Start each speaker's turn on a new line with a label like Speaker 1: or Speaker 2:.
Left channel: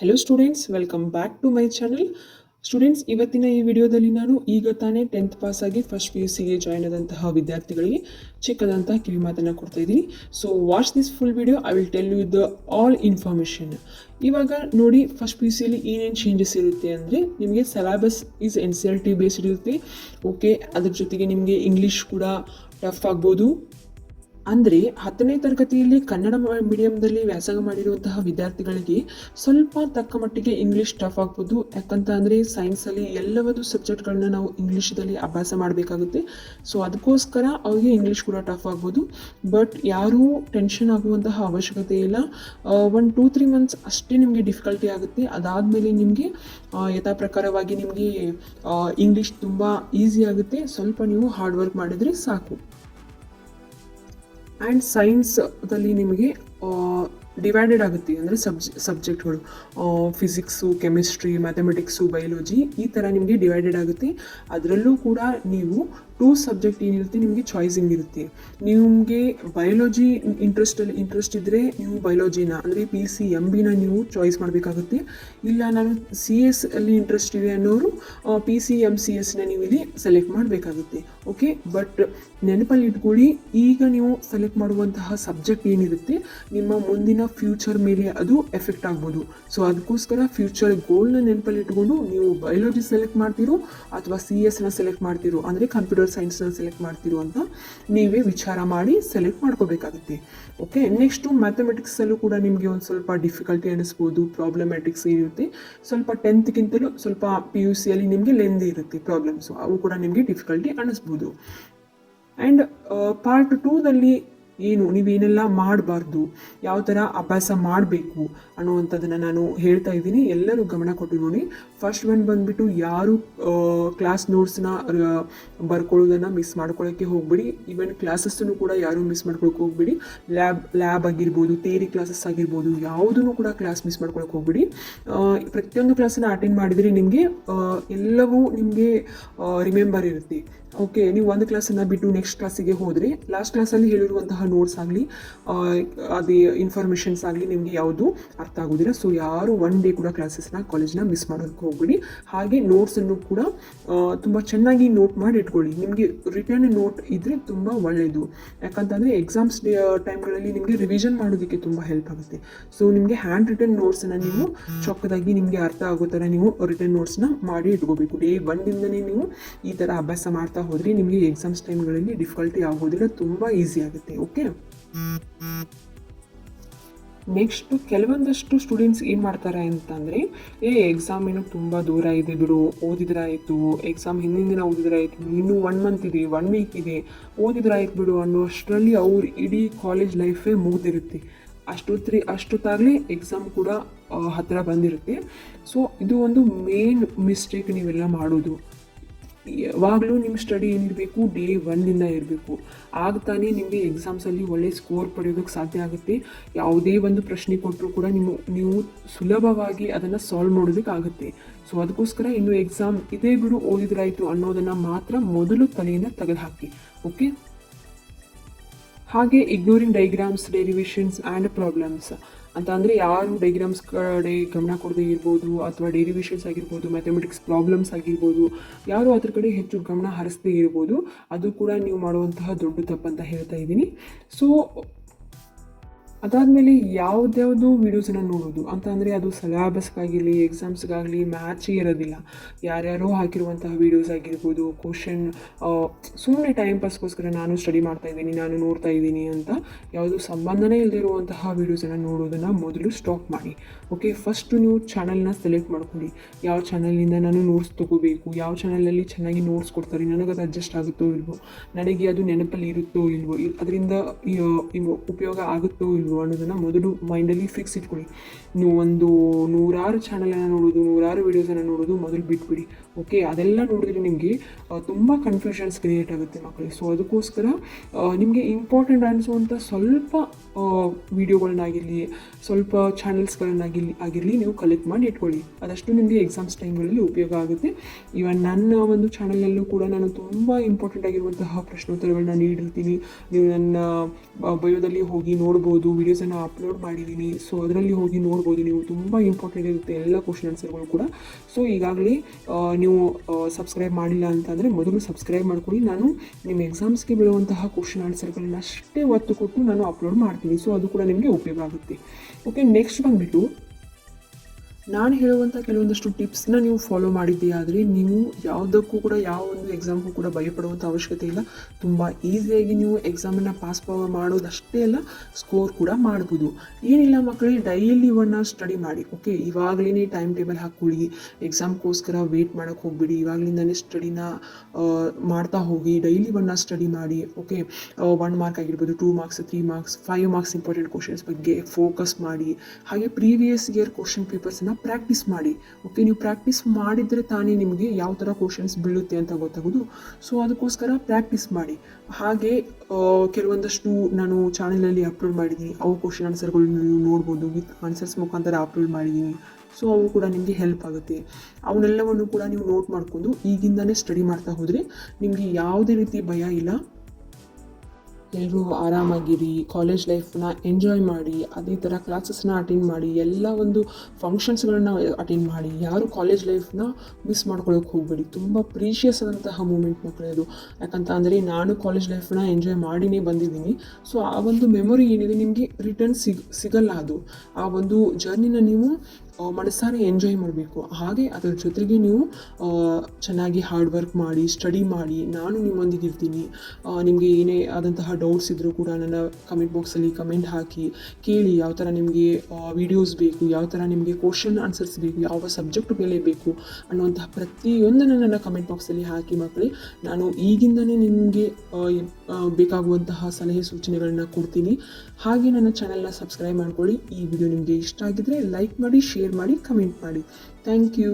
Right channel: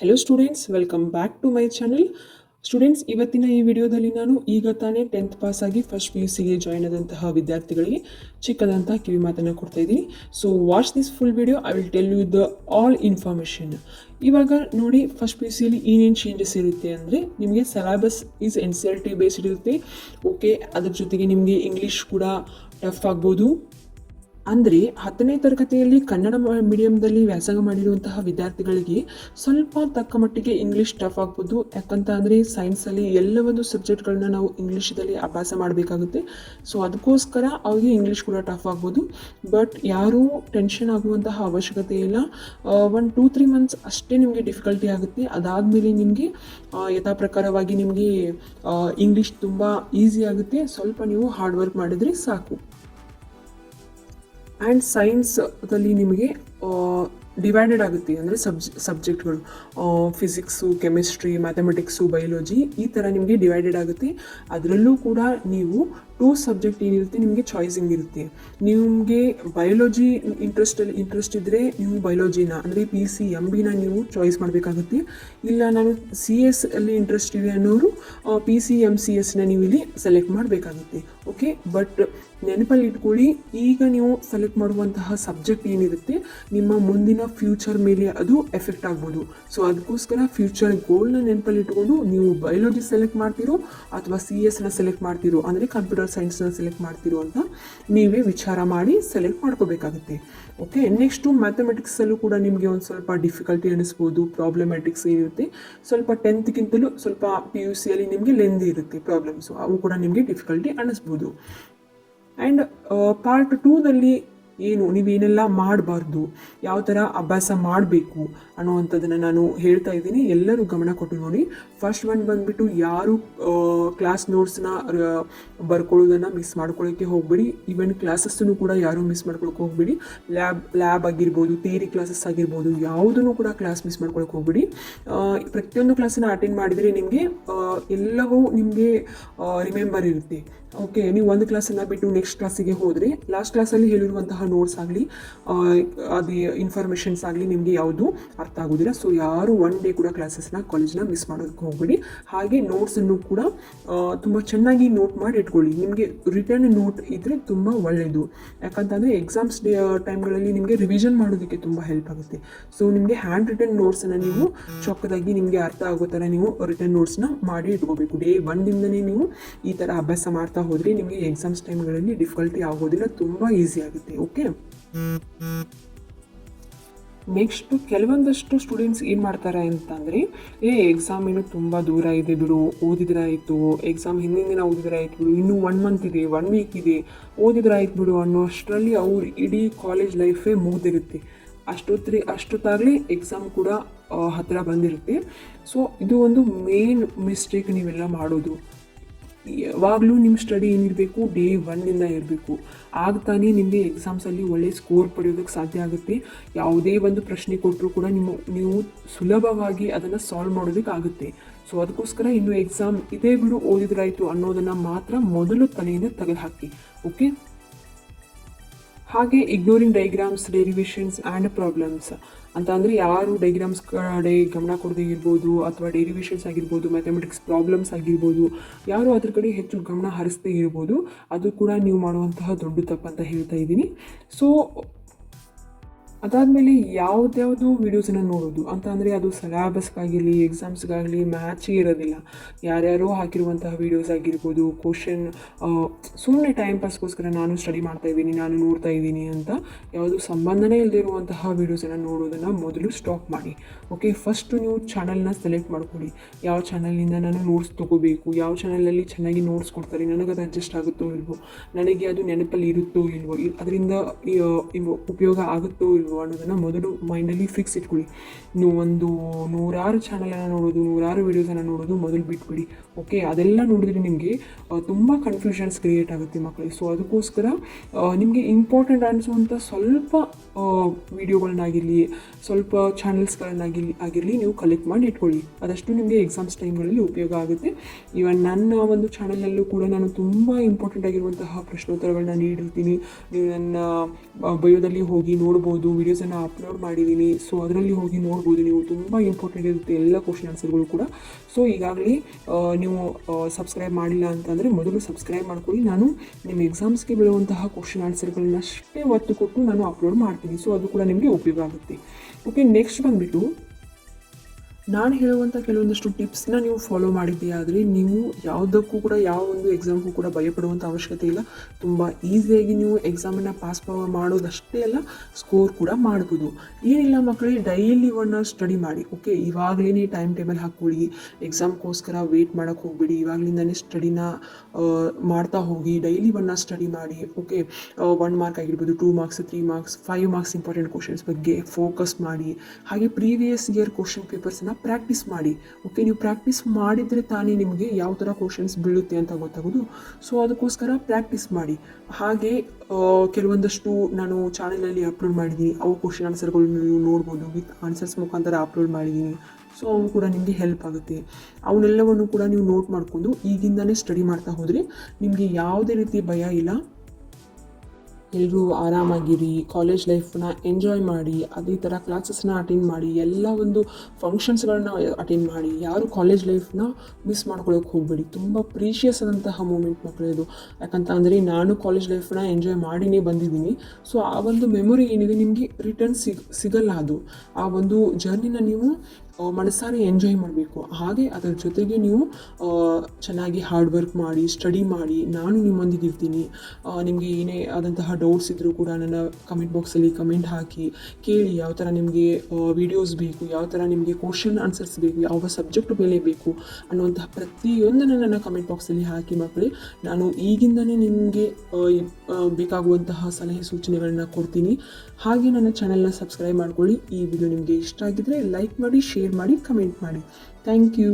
Speaker 1: Hello students welcome back to my channel students ಇವತ್ತಿನ ಈ ವಿಡಿಯೋದಲ್ಲಿ ನಾನು ಈಗ ತಾನೇ ಟೆಂತ್ ಪಾಸ್ ಆಗಿ ಫಸ್ಟ್ ಪಿ ಯು ಸಿಗೆ ಜಾಯ್ನ್ ಆದಂತಹ ವಿದ್ಯಾರ್ಥಿಗಳಿಗೆ ಚಿಕ್ಕದಂತಹ ಕಿವಿ ಮಾತನ್ನು ಕೊಡ್ತಾ ಇದ್ದೀನಿ. So watch this full video I will tell you the all information ಇವಾಗ ನೋಡಿ ಫಸ್ಟ್ ಪಿ ಯು ಸಿಯಲ್ಲಿ ಏನೇನು ಚೇಂಜಸ್ ಇರುತ್ತೆ ಅಂದರೆ ನಿಮಗೆ syllabus is N C L T based ಇರುತ್ತೆ. ಓಕೆ ಅದ್ರ ಜೊತೆಗೆ ನಿಮಗೆ ಇಂಗ್ಲೀಷ್ ಕೂಡ ಟಫ್ ಆಗ್ಬೋದು. ಅಂದರೆ ಹತ್ತನೇ ತರಗತಿಯಲ್ಲಿ ಕನ್ನಡ ಮೀಡಿಯಂದಲ್ಲಿ ವ್ಯಾಸಂಗ ಮಾಡಿರುವಂತಹ ವಿದ್ಯಾರ್ಥಿಗಳಿಗೆ ಸ್ವಲ್ಪ ತಕ್ಕ ಮಟ್ಟಿಗೆ ಇಂಗ್ಲೀಷ್ ಟಫ್ ಆಗ್ಬೋದು. ಯಾಕಂತ ಅಂದರೆ ಸೈನ್ಸಲ್ಲಿ ಎಲ್ಲ ಒಂದು ಸಬ್ಜೆಕ್ಟ್ಗಳನ್ನ ನಾವು ಇಂಗ್ಲೀಷದಲ್ಲಿ ಅಭ್ಯಾಸ ಮಾಡಬೇಕಾಗುತ್ತೆ. ಸೊ ಅದಕ್ಕೋಸ್ಕರ ಅವ್ರಿಗೆ ಇಂಗ್ಲೀಷ್ ಕೂಡ ಟಫ್ ಆಗ್ಬೋದು. ಬಟ್ ಯಾರೂ ಟೆನ್ಷನ್ ಆಗುವಂತಹ ಅವಶ್ಯಕತೆ ಇಲ್ಲ. ಒನ್ ಟೂ ತ್ರೀ ಮಂತ್ಸ್ ಅಷ್ಟೇ ನಿಮಗೆ ಡಿಫಿಕಲ್ಟಿ ಆಗುತ್ತೆ. ಅದಾದಮೇಲೆ ನಿಮಗೆ ಯಥಾ ಪ್ರಕಾರವಾಗಿ ನಿಮಗೆ ಇಂಗ್ಲೀಷ್ ತುಂಬ ಈಸಿ ಆಗುತ್ತೆ. ಸ್ವಲ್ಪ ನೀವು ಹಾರ್ಡ್ ವರ್ಕ್ ಮಾಡಿದರೆ ಸಾಕು. ಆ್ಯಂಡ್ ಸೈನ್ಸ್ದಲ್ಲಿ ನಿಮಗೆ ಡಿವೈಡೆಡ್ ಆಗುತ್ತೆ ಅಂದರೆ ಸಬ್ಜ್ ಸಬ್ಜೆಕ್ಟ್ಗಳು ಫಿಸಿಕ್ಸು ಕೆಮಿಸ್ಟ್ರಿ ಮ್ಯಾಥಮೆಟಿಕ್ಸು ಬಯಾಲಜಿ ಈ ಥರ ನಿಮಗೆ ಡಿವೈಡೆಡ್ ಆಗುತ್ತೆ. ಅದರಲ್ಲೂ ಕೂಡ ನೀವು ಟೂ ಸಬ್ಜೆಕ್ಟ್ ಏನಿರುತ್ತೆ ನಿಮಗೆ ಚಾಯ್ಸಿಂಗ್ ಇರುತ್ತೆ. ನಿಮಗೆ ಬಯಾಲಜಿ ಇಂಟ್ರೆಸ್ಟಲ್ಲಿ ಇಂಟ್ರೆಸ್ಟ್ ಇದ್ದರೆ ನೀವು ಬಯಾಲಜಿನ ಅಂದರೆ ಪಿ ಸಿ ಎಂ ಬಿನ ನೀವು ಚಾಯ್ಸ್ ಮಾಡಬೇಕಾಗುತ್ತೆ. ಇಲ್ಲ ನಾನು ಸಿ ಎಸ್ ಅಲ್ಲಿ ಇಂಟ್ರೆಸ್ಟ್ ಇದೆ ಅನ್ನೋರು ಪಿ ಸಿ ಎಂ ಸಿ ಎಸ್ನ ನೀವು ಇಲ್ಲಿ ಸೆಲೆಕ್ಟ್ ಮಾಡಬೇಕಾಗುತ್ತೆ. ಓಕೆ ಬಟ್ ನೆನಪಲ್ಲಿ ಇಟ್ಕೊಳ್ಳಿ, ಈಗ ನೀವು ಸೆಲೆಕ್ಟ್ ಮಾಡುವಂತಹ ಸಬ್ಜೆಕ್ಟ್ ಏನಿರುತ್ತೆ, ನಿಮ್ಮ ಮುಂದಿನ ಫ್ಯೂಚರ್ ಮೇಲೆ ಅದು ಎಫೆಕ್ಟ್ ಆಗ್ಬೋದು. ಸೊ ಅದಕ್ಕೋಸ್ಕರ ಫ್ಯೂಚರ್ ಗೋಲ್ನ ನೆನಪಲ್ಲಿ ಇಟ್ಕೊಂಡು ನೀವು ಬಯಾಲಜಿ ಸೆಲೆಕ್ಟ್ ಮಾಡ್ತೀರೋ ಅಥವಾ ಸಿ ಎಸ್ನ ಸೆಲೆಕ್ಟ್ ಮಾಡ್ತೀರೋ. ಅಂದರೆ ಕಂಪ್ಯೂಟರ್ ಸೈನ್ಸ್ನ ಸೆಲೆಕ್ಟ್ ಮಾಡ್ತೀರೋ ಅಂತ ನೀವೇ ವಿಚಾರ ಮಾಡಿ ಸೆಲೆಕ್ಟ್ ಮಾಡ್ಕೋಬೇಕಾಗುತ್ತೆ. ಓಕೆ ನೆಕ್ಸ್ಟು ಮ್ಯಾಥಮೆಟಿಕ್ಸಲ್ಲೂ ಕೂಡ ನಿಮಗೆ ಒಂದು ಸ್ವಲ್ಪ ಡಿಫಿಕಲ್ಟಿ ಅನಿಸ್ಬೋದು ಪ್ರಾಬ್ಲಮ್ಯಾಟಿಕ್ಸ್ ಏನಿರುತ್ತೆ. ಸ್ವಲ್ಪ ಟೆಂತ್ಗಿಂತಲೂ ಸ್ವಲ್ಪ ಪಿ ಯು ಸಿಯಲ್ಲಿ ನಿಮಗೆ ಲೆಂದಿ ಇರುತ್ತೆ ಪ್ರಾಬ್ಲಮ್ಸು ಅವು ಕೂಡ ನಿಮಗೆ ಡಿಫಿಕಲ್ಟಿ ಅನ್ನಿಸ್ಬೋದು ಆ್ಯಂಡ್ ಪಾರ್ಟ್ ಟೂದಲ್ಲಿ ಏನು ನೀವೇನೆಲ್ಲ ಮಾಡಬಾರ್ದು, ಯಾವ ಥರ ಅಭ್ಯಾಸ ಮಾಡಬೇಕು ಅನ್ನುವಂಥದ್ದನ್ನು ನಾನು ಹೇಳ್ತಾ ಇದ್ದೀನಿ. ಎಲ್ಲರೂ ಗಮನ ಕೊಟ್ಟು ನೋಡಿ. ಫಸ್ಟ್ ಒನ್ ಬಂದುಬಿಟ್ಟು ಯಾರು ಕ್ಲಾಸ್ ನೋಟ್ಸ್ನ ಬರ್ಕೊಳ್ಳೋದನ್ನು ಮಿಸ್ ಮಾಡ್ಕೊಳ್ಳೋಕ್ಕೆ ಹೋಗಬೇಡಿ. ಈವನ್ ಕ್ಲಾಸಸ್ಸನ್ನು ಕೂಡ ಯಾರು ಮಿಸ್ ಮಾಡ್ಕೊಳಕ್ಕೆ ಹೋಗ್ಬೇಡಿ. ಲ್ಯಾಬ್ ಲ್ಯಾಬ್ ಆಗಿರ್ಬೋದು ತೇರಿ ಕ್ಲಾಸಸ್ ಆಗಿರ್ಬೋದು, ಯಾವುದನ್ನು ಕೂಡ ಕ್ಲಾಸ್ ಮಿಸ್ ಮಾಡ್ಕೊಳಕ್ಕೆ ಹೋಗ್ಬೇಡಿ. ಪ್ರತಿಯೊಂದು ಕ್ಲಾಸನ್ನು ಅಟೆಂಡ್ ಮಾಡಿದರೆ ನಿಮಗೆ ಎಲ್ಲವೂ ನಿಮಗೆ ರಿಮೆಂಬರ್ ಇರುತ್ತೆ. ಓಕೆ ನೀವು ಒಂದು ಕ್ಲಾಸನ್ನು ಬಿಟ್ಟು ನೆಕ್ಸ್ಟ್ ಕ್ಲಾಸಿಗೆ ಹೋದರೆ ಲಾಸ್ಟ್ ಕ್ಲಾಸಲ್ಲಿ ಹೇಳಿರುವಂತಹ ನೋಟ್ಸ್ ಆಗಲಿ ಅದೇ ಇನ್ಫಾರ್ಮೇಷನ್ಸ್ ಆಗಲಿ ನಿಮಗೆ ಯಾವುದು ಅರ್ಥ ಆಗೋದಿಲ್ಲ. ಸೊ ಯಾರು ಒನ್ ಡೇ ಕೂಡ ಕ್ಲಾಸಸ್ನ ಕಾಲೇಜ್ನ ಮಿಸ್ ಮಾಡೋದಕ್ಕೆ ಹೋಗಬೇಡಿ. ಹಾಗೆ ನೋಟ್ಸನ್ನು ಕೂಡ ತುಂಬ ಚೆನ್ನಾಗಿ ನೋಟ್ ಮಾಡಿ ಇಟ್ಕೊಳ್ಳಿ. ನಿಮಗೆ ರಿಟರ್ನ್ ನೋಟ್ ಇದ್ದರೆ ತುಂಬ ಒಳ್ಳೆಯದು ಯಾಕಂತಂದರೆ ಎಕ್ಸಾಮ್ಸ್ ಡೇ ಟೈಮ್ಗಳಲ್ಲಿ ನಿಮಗೆ ರಿವಿಷನ್ ಮಾಡೋದಕ್ಕೆ ತುಂಬ ಹೆಲ್ಪ್ ಆಗುತ್ತೆ. ಸೊ ನಿಮಗೆ ಹ್ಯಾಂಡ್ ರಿಟರ್ನ್ ನೋಟ್ಸನ್ನು ನೀವು ಚೊಕ್ಕದಾಗಿ ನಿಮಗೆ ಅರ್ಥ ಆಗೋ ಥರ ನೀವು ರಿಟರ್ನ್ ನೋಟ್ಸ್ನ ಮಾಡಿ ಇಟ್ಕೋಬೇಕು. ಡೇ ಒನ್ನಿಂದನೇ ನೀವು ಈ ಥರ ಅಭ್ಯಾಸ ಮಾಡ್ತಾ ಹೋದರೆ ನಿಮಗೆ ಎಕ್ಸಾಮ್ಸ್ ಟೈಮ್ಗಳಲ್ಲಿ ಡಿಫಿಕಲ್ಟಿ ಆಗೋದಿಲ್ಲ, ತುಂಬ ಈಸಿ ಆಗುತ್ತೆ. ಓಕೆ ನೆಕ್ಸ್ಟ್ ಕೆಲವೊಂದಷ್ಟು ಸ್ಟೂಡೆಂಟ್ಸ್ ಏನು ಮಾಡ್ತಾರೆ ಅಂತಂದರೆ, ಏ ಎಕ್ಸಾಮ್ ಏನು ತುಂಬ ದೂರ ಇದೆ ಬಿಡು, ಓದಿದ್ರಾಯಿತು ಎಕ್ಸಾಮ್ ಹಿಂದಿನ ದಿನ ಓದಿದ್ರೆ ಬಿಡು ಇನ್ನೂ ಒನ್ ಮಂತ್ ಇದೆ ಒನ್ ವೀಕ್ ಇದೆ, ಓದಿದ್ರಾಯ್ತು ಬಿಡು ಅನ್ನೋ ಅಷ್ಟರಲ್ಲಿ ಅವ್ರ ಇಡೀ ಕಾಲೇಜ್ ಲೈಫೇ ಮುಗಿದಿರುತ್ತೆ. ಅಷ್ಟೊತ್ತಿ ಅಷ್ಟೊತ್ತಾಗಲೇ ಎಕ್ಸಾಮ್ ಕೂಡ ಹತ್ತಿರ ಬಂದಿರುತ್ತೆ. ಸೊ ಇದು ಒಂದು ಮೇನ್ ಮಿಸ್ಟೇಕ್ ನೀವೆಲ್ಲ ಮಾಡೋದು. ಯಾವಾಗಲೂ ನಿಮ್ಮ ಸ್ಟಡಿ ಏನಿರಬೇಕು ಡೇ ಒನ್ನಿಂದ ಇರಬೇಕು. ಆಗ ತಾನೇ ನಿಮಗೆ ಎಕ್ಸಾಮ್ಸಲ್ಲಿ ಒಳ್ಳೆ ಸ್ಕೋರ್ ಪಡೆಯೋದಕ್ಕೆ ಸಾಧ್ಯ ಆಗುತ್ತೆ. ಯಾವುದೇ ಒಂದು ಪ್ರಶ್ನೆ ಕೊಟ್ಟರೂ ಕೂಡ ನಿಮ್ಮ, ನೀವು ಸುಲಭವಾಗಿ ಅದನ್ನು ಸಾಲ್ವ್ ಮಾಡೋದಕ್ಕಾಗುತ್ತೆ ಸೊ ಅದಕ್ಕೋಸ್ಕರ ಇನ್ನು ಎಕ್ಸಾಮ್ ಇದೇ ಬಿಡು, ಓದಿದ್ರಾಯಿತು ಅನ್ನೋದನ್ನು ಮಾತ್ರ ಮೊದಲು ತಲೆಯಿಂದ ತೆಗೆದುಹಾಕಿ. ಓಕೆ ಹಾಗೆ ignoring diagrams derivations and problems ಅಂತ ಅಂದರೆ ಯಾರು ಡೈಗ್ರಾಮ್ಸ್ ಕಡೆ ಗಮನ ಕೊಡದೇ ಇರ್ಬೋದು ಅಥವಾ ಡೈರಿವೇಷನ್ಸ್ ಆಗಿರ್ಬೋದು ಮ್ಯಾಥಮೆಟಿಕ್ಸ್ ಪ್ರಾಬ್ಲಮ್ಸ್ ಆಗಿರ್ಬೋದು, ಯಾರು ಅದ್ರ ಕಡೆ ಹೆಚ್ಚು ಗಮನ ಹರಿಸದೇ ಇರ್ಬೋದು, ಅದು ಕೂಡ ನೀವು ಮಾಡುವಂತಹ ದೊಡ್ಡ ತಪ್ಪಂತ ಹೇಳ್ತಾ ಇದ್ದೀನಿ. ಸೊ ಅದಾದಮೇಲೆ ಯಾವುದ್ಯಾವುದು ವೀಡಿಯೋಸನ್ನು ನೋಡೋದು. ಅಂತ ಅಂದರೆ ಅದು ಸಿಲಾಬಸ್ಗಾಗಿರಲಿ ಎಕ್ಸಾಮ್ಸ್ಗಾಗಲಿ ಮ್ಯಾಚೇ ಇರೋದಿಲ್ಲ. ಯಾರ್ಯಾರೋ ಹಾಕಿರುವಂತಹ ವೀಡಿಯೋಸ್ ಆಗಿರ್ಬೋದು ಕ್ವಶನ್ ಸುಮ್ಮನೆ ಟೈಮ್ ಪಾಸ್ಗೋಸ್ಕರ ನಾನು ಸ್ಟಡಿ ಮಾಡ್ತಾ ಇದ್ದೀನಿ, ನಾನು ನೋಡ್ತಾ ಇದ್ದೀನಿ ಅಂತ ಯಾವುದು ಸಂಬಂಧನೇ ಇಲ್ಲದೇ ಇರುವಂತಹ ವೀಡಿಯೋಸನ್ನು ನೋಡೋದನ್ನು ಮೊದಲು ಸ್ಟಾಪ್ ಮಾಡಿ. ಓಕೆ ಫಸ್ಟ್ ನೀವು ಚಾನಲ್ನ ಸೆಲೆಕ್ಟ್ ಮಾಡ್ಕೊಳ್ಳಿ. ಯಾವ ಚಾನಲ್ನಿಂದ ನಾನು ನೋಟ್ಸ್ ತೊಗೋಬೇಕು, ಯಾವ ಚಾನಲಲ್ಲಿ ಚೆನ್ನಾಗಿ ನೋಟ್ಸ್ ಕೊಡ್ತಾರೆ ನನಗೆ ಅದು ಅಡ್ಜಸ್ಟ್ ಆಗುತ್ತೋ ಇಲ್ವೋ, ನನಗೆ ಅದು ನೆನಪಲ್ಲಿ ಇರುತ್ತೋ ಇಲ್ವೋ ಅದರಿಂದ ಉಪಯೋಗ ಆಗುತ್ತೋ ಇಲ್ವೋ ಇಲ್ವೋ ಅನ್ನೋದನ್ನು ಮೊದಲು ಮೈಂಡಲ್ಲಿ ಫಿಕ್ಸ್ ಇಟ್ಕೊಳ್ಳಿ. ನೀವು ಒಂದು ನೂರಾರು ಚಾನಲನ್ನು ನೋಡೋದು, ನೂರಾರು ವೀಡಿಯೋಸನ್ನು ನೋಡೋದು ಮೊದಲು ಬಿಟ್ಬಿಡಿ. ಓಕೆ ಅದೆಲ್ಲ ನೋಡಿದ್ರೆ ನಿಮಗೆ ತುಂಬ ಕನ್ಫ್ಯೂಷನ್ಸ್ ಕ್ರಿಯೇಟ್ ಆಗುತ್ತೆ ಮಕ್ಕಳಿಗೆ ಸೊ ಅದಕ್ಕೋಸ್ಕರ ನಿಮಗೆ ಇಂಪಾರ್ಟೆಂಟ್ ಅನಿಸುವಂಥ ಸ್ವಲ್ಪ ವೀಡಿಯೋಗಳನ್ನಾಗಿರಲಿ ಸ್ವಲ್ಪ ಚಾನಲ್ಸ್ಗಳನ್ನಾಗಿರಲಿ ಆಗಿರಲಿ ನೀವು ಕಲೆಕ್ಟ್ ಮಾಡಿ ಇಟ್ಕೊಳ್ಳಿ. ಅದಷ್ಟು ನಿಮಗೆ ಎಕ್ಸಾಮ್ಸ್ ಟೈಮ್ಗಳಲ್ಲಿ ಉಪಯೋಗ ಆಗುತ್ತೆ. ಇವನ್ ನನ್ನ ಒಂದು ಚಾನಲಲ್ಲೂ ಕೂಡ ನಾನು ತುಂಬ ಇಂಪಾರ್ಟೆಂಟ್ ಆಗಿರುವಂತಹ ಪ್ರಶ್ನೋತ್ತರಗಳನ್ನ ನೀಡಿರ್ತೀನಿ. ನೀವು ನನ್ನ ಬಯೋದಲ್ಲಿ ಹೋಗಿ ನೋಡ್ಬೋದು. ವೀಡಿಯೋಸನ್ನು ಅಪ್ಲೋಡ್ ಮಾಡಿದ್ದೀನಿ. ಸೊ ಅದರಲ್ಲಿ ಹೋಗಿ ನೋಡ್ಬೋದು ನೀವು. ತುಂಬ ಇಂಪಾರ್ಟೆಂಟ್ ಇರುತ್ತೆ ಎಲ್ಲ ಕ್ವಶನ್ ಆನ್ಸರ್ಗಳು ಕೂಡ. ಸೊ ಈಗಾಗಲೇ ನೀವು ಸಬ್ಸ್ಕ್ರೈಬ್ ಮಾಡಿಲ್ಲ ಅಂತಂದರೆ ಮೊದಲು ಸಬ್ಸ್ಕ್ರೈಬ್ ಮಾಡ್ಕೊಳ್ಳಿ. ನಾನು ನಿಮ್ಮ ಎಕ್ಸಾಮ್ಸ್ಗೆ ಬೀಳುವಂತಹ ಕ್ವಶನ್ ಆನ್ಸರ್ಗಳನ್ನ ಅಷ್ಟೇ ಒತ್ತು ಕೊಟ್ಟು ನಾನು ಅಪ್ಲೋಡ್ ಮಾಡ್ತೀನಿ. ಸೊ ಅದು ಕೂಡ ನಿಮಗೆ ಉಪಯೋಗ ಆಗುತ್ತೆ. ಓಕೆ ನೆಕ್ಸ್ಟ್ ಬಂದುಬಿಟ್ಟು ನಾನು ಹೇಳುವಂಥ ಕೆಲವೊಂದಷ್ಟು ಟಿಪ್ಸ್ನ ನೀವು ಫಾಲೋ ಮಾಡಿದ್ದೀಯ. ಆದರೆ ನೀವು ಯಾವುದಕ್ಕೂ ಕೂಡ ಯಾವ ಒಂದು ಎಕ್ಸಾಮ್ಗೂ ಕೂಡ ಭಯಪಡುವಂಥ ಅವಶ್ಯಕತೆ ಇಲ್ಲ. ತುಂಬ ಈಸಿಯಾಗಿ ನೀವು ಎಕ್ಸಾಮನ್ನು ಪಾಸ್ ಮಾಡೋದಷ್ಟೇ ಅಲ್ಲ ಸ್ಕೋರ್ ಕೂಡ ಮಾಡ್ಬೋದು. ಏನಿಲ್ಲ ಮಕ್ಕಳಿಗೆ ಡೈಲಿ ಒನ್ ಅವರ್ ಸ್ಟಡಿ ಮಾಡಿ. ಓಕೆ ಇವಾಗಲೇ ಟೈಮ್ ಟೇಬಲ್ ಹಾಕ್ಕೊಳ್ಳಿ. ಎಕ್ಸಾಮ್ಗೋಸ್ಕರ ವೇಟ್ ಮಾಡೋಕ್ಕೆ ಹೋಗ್ಬಿಡಿ. ಇವಾಗಲಿಂದನೇ ಸ್ಟಡಿನ ಮಾಡ್ತಾ ಹೋಗಿ. ಡೈಲಿ ಒನ್ ಅವರ್ ಸ್ಟಡಿ ಮಾಡಿ. ಓಕೆ ಒನ್ ಮಾರ್ಕ್ ಆಗಿರ್ಬೋದು two marks three marks five marks important questions ಬಗ್ಗೆ ಫೋಕಸ್ ಮಾಡಿ. ಹಾಗೆ ಪ್ರೀವಿಯಸ್ ಇಯರ್ ಕ್ವಶನ್ ಪೇಪರ್ಸನ್ನ ಪ್ರಾಕ್ಟೀಸ್ ಮಾಡಿ. ಓಕೆ ನೀವು ಪ್ರಾಕ್ಟೀಸ್ ಮಾಡಿದರೆ ತಾನೇ ನಿಮಗೆ ಯಾವ ಥರ ಕ್ವಶನ್ಸ್ ಬೀಳುತ್ತೆ ಅಂತ ಗೊತ್ತಾಗೋದು ಸೊ ಅದಕ್ಕೋಸ್ಕರ ಪ್ರಾಕ್ಟೀಸ್ ಮಾಡಿ. ಹಾಗೆ ಕೆಲವೊಂದಷ್ಟು ನಾನು ಚಾನಲಲ್ಲಿ ಅಪ್ಲೋಡ್ ಮಾಡಿದ್ದೀನಿ ಅವು ಕ್ವಶನ್ ಆನ್ಸರ್ಗಳು ನೀವು ನೋಡ್ಬೋದು. ವಿತ್ ಆನ್ಸರ್ಸ್ ಮುಖಾಂತರ ಅಪ್ಲೋಡ್ ಮಾಡಿದ್ದೀನಿ ಸೊ ಅವು ಕೂಡ ನಿಮಗೆ ಹೆಲ್ಪ್ ಆಗುತ್ತೆ. ಅವನ್ನೆಲ್ಲವನ್ನು ಕೂಡ ನೀವು ನೋಟ್ ಮಾಡಿಕೊಂಡು ಈಗಿಂದನೇ ಸ್ಟಡಿ ಮಾಡ್ತಾ ಹೋದರೆ ನಿಮಗೆ ಯಾವುದೇ ರೀತಿ ಭಯ ಇಲ್ಲ. ಎಲ್ಲರೂ ಆರಾಮಾಗಿರಿ ಕಾಲೇಜ್ ಲೈಫನ್ನ ಎಂಜಾಯ್ ಮಾಡಿ, ಅದೇ ಥರ ಕ್ಲಾಸಸ್ನ ಅಟೆಂಡ್ ಮಾಡಿ, ಎಲ್ಲ ಒಂದು ಫಂಕ್ಷನ್ಸ್ಗಳನ್ನ ಅಟೆಂಡ್ ಮಾಡಿ, ಯಾರು ಕಾಲೇಜ್ ಲೈಫನ್ನ ಮಿಸ್ ಮಾಡ್ಕೊಳ್ಳೋಕೆ ಹೋಗಬೇಡಿ. ತುಂಬ ಪ್ರೀಷಿಯಸ್ ಆದಂತಹ ಮೂಮೆಂಟ್ ಮಕ್ಕಳದು ಯಾಕಂತ ಅಂದರೆ ನಾನು ಕಾಲೇಜ್ ಲೈಫನ್ನ ಎಂಜಾಯ್ ಮಾಡಿನೇ ಬಂದಿದ್ದೀನಿ. ಸೊ ಆ ಒಂದು ಮೆಮೊರಿ ಏನಿದೆ ನಿಮಗೆ ರಿಟರ್ನ್ ಸಿಗ್, ಸಿಗಲ್ಲ ಅದು. ಆ ಒಂದು ಜರ್ನಿನ ನೀವು ಮನಸ್ಸಾರಿ ಎಂಜಾಯ್ ಮಾಡಬೇಕು. ಹಾಗೆ ಅದರ ಜೊತೆಗೆ ನೀವು ಚೆನ್ನಾಗಿ ಹಾರ್ಡ್ ವರ್ಕ್ ಮಾಡಿ ಸ್ಟಡಿ ಮಾಡಿ, ನಾನು ನಿಮ್ಮೊಂದಿಗೆ ಇರ್ತೀನಿ ನಿಮಗೆ ಏನೇ ಆದಂತಹ ಡೌಟ್ಸ್ ಇದ್ದರೂ ಕೂಡ ನನ್ನ ಕಮೆಂಟ್ ಬಾಕ್ಸಲ್ಲಿ ಕಮೆಂಟ್ ಹಾಕಿ ಕೇಳಿ ಯಾವ ಥರ ನಿಮಗೆ ವಿಡಿಯೋಸ್ ಬೇಕು, ಯಾವ ಥರ ನಿಮಗೆ ಕ್ವಶನ್ ಆನ್ಸರ್ಸ್ ಬೇಕು, ಯಾವ ಸಬ್ಜೆಕ್ಟ್ ಮೇಲೆ ಬೇಕು ಅನ್ನುವಂತಹ ಪ್ರತಿಯೊಂದನ್ನು ನನ್ನ ಕಮೆಂಟ್ ಬಾಕ್ಸಲ್ಲಿ ಹಾಕಿ ಮಕ್ಕಳೇ, ನಾನು ಈಗಿಂದನೇ ನಿಮಗೆ ಬೇಕಾಗುವಂತಹ ಸಲಹೆ ಸೂಚನೆಗಳನ್ನ ಕೊಡ್ತೀನಿ. ಹಾಗೆ ನನ್ನ ಚಾನೆಲ್ನ ಸಬ್ಸ್ಕ್ರೈಬ್ ಮಾಡ್ಕೊಳ್ಳಿ. ಈ ವಿಡಿಯೋ ನಿಮಗೆ ಇಷ್ಟ ಆಗಿದ್ರೆ ಲೈಕ್ ಮಾಡಿ ಶೇರ್ ಮಾಡಿ ಕಮೆಂಟ್ ಮಾಡಿ. Thank you